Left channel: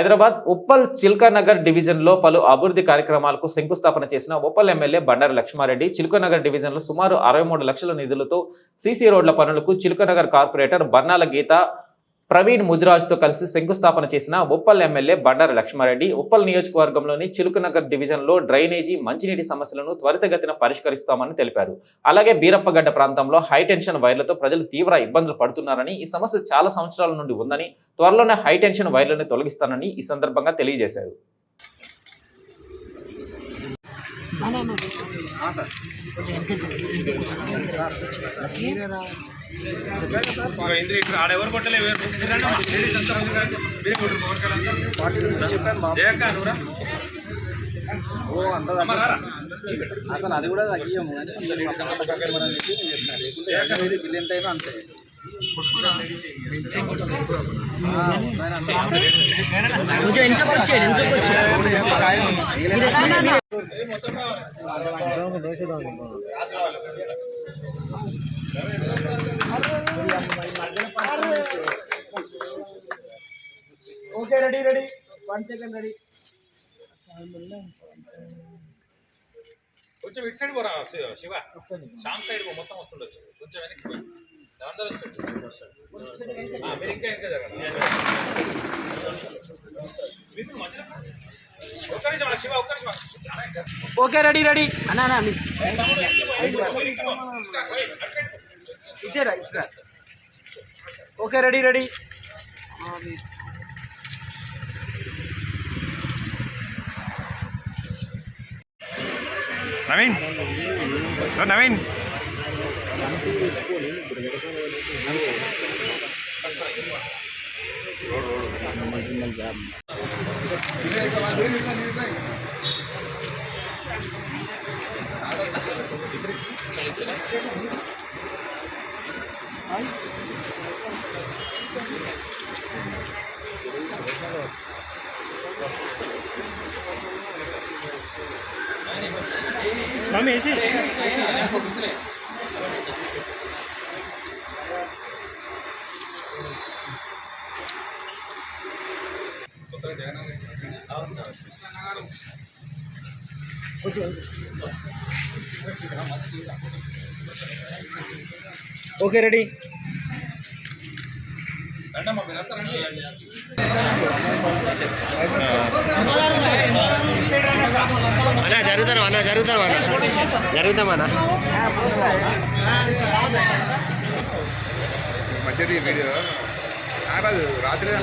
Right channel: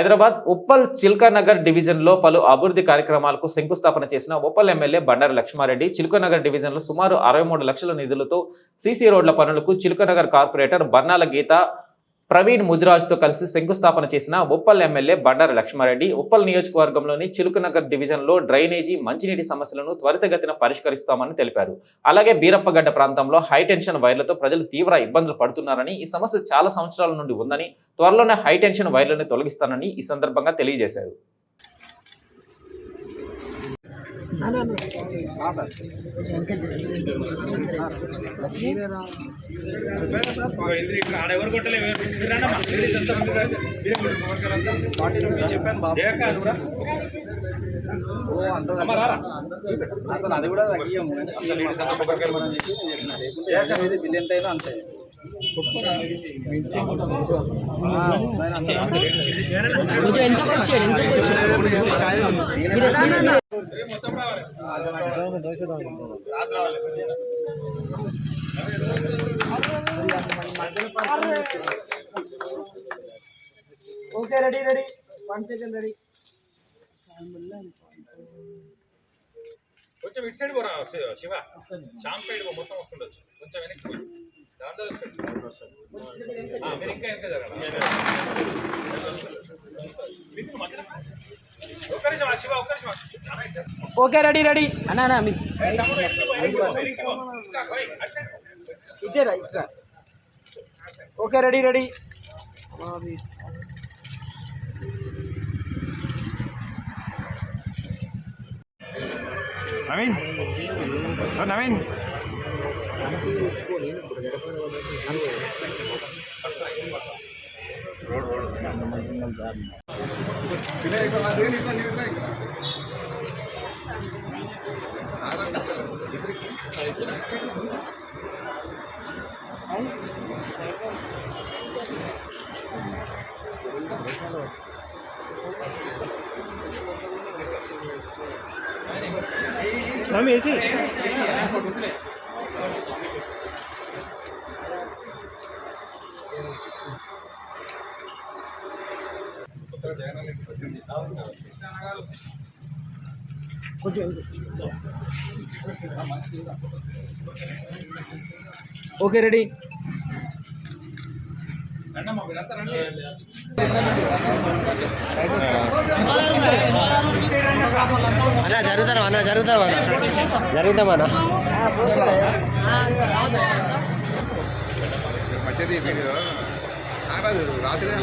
హైదరాబాద్ ఉప్పల్ చిల్కానగర్ డివిజన్లో పలు అభివృద్ధి కార్యక్రమాలకు శంకుస్థాపన చేసిన ఉప్పల్ ఎమ్మెల్యే బండారు లక్ష్మారెడ్డి చిల్కానగర్ డివిజన్లో సుమారు 63 లక్షల నిధులతో సీసీ రోడ్ల పనులకు చిల్కానగర్ కార్పొరేటర్ బర్నాల గీత ప్రవీణ్ ముదిరాజ్తో కలిసి శంకుస్థాపన చేసిన ఉప్పల్ ఎమ్మెల్యే బండారు లక్ష్మారెడ్డి ఉప్పల్ నియోజకవర్గంలోని చిలుకనగర్ డివిజన్లో డ్రైనేజీ మంచినీటి సమస్యలను త్వరితగతిన పరిష్కరిస్తామని తెలిపారు. అలాగే బీరప్పగడ్డ ప్రాంతంలో హైటెన్షన్ వైర్లతో ప్రజలు తీవ్ర ఇబ్బందులు పడుతున్నారని, ఈ సమస్య చాలా సంవత్సరాల నుండి ఉందని, త్వరలోనే హైటెన్షన్ వైర్లను తొలగిస్తానని ఈ సందర్భంగా తెలియజేశారు. అసలు అది కూడా తగ్గియము బిల్ ఎంత అయితే అంతే. Okay ready 1 second ready. కొంచెం ఇటు సైడ్ పోరా శివ, శ్యామ్ సైడ్ మొత్తం వస్తుండొచ్చు, కొంచెం వెనక్కి పోయి అందరూ మీరు ఇంకా వెనక జరగండి. ఒక్క నిమిషం శివ, ఒక్క నిమిషం. ఓకే రెడీ అన్నా ఇచ్చారా ఇక్కడ. ఓకే రెడీ నవీన్ నవీన్ వేసి ఓకే రెడీ. జరుగుతామన్నా రాత్రి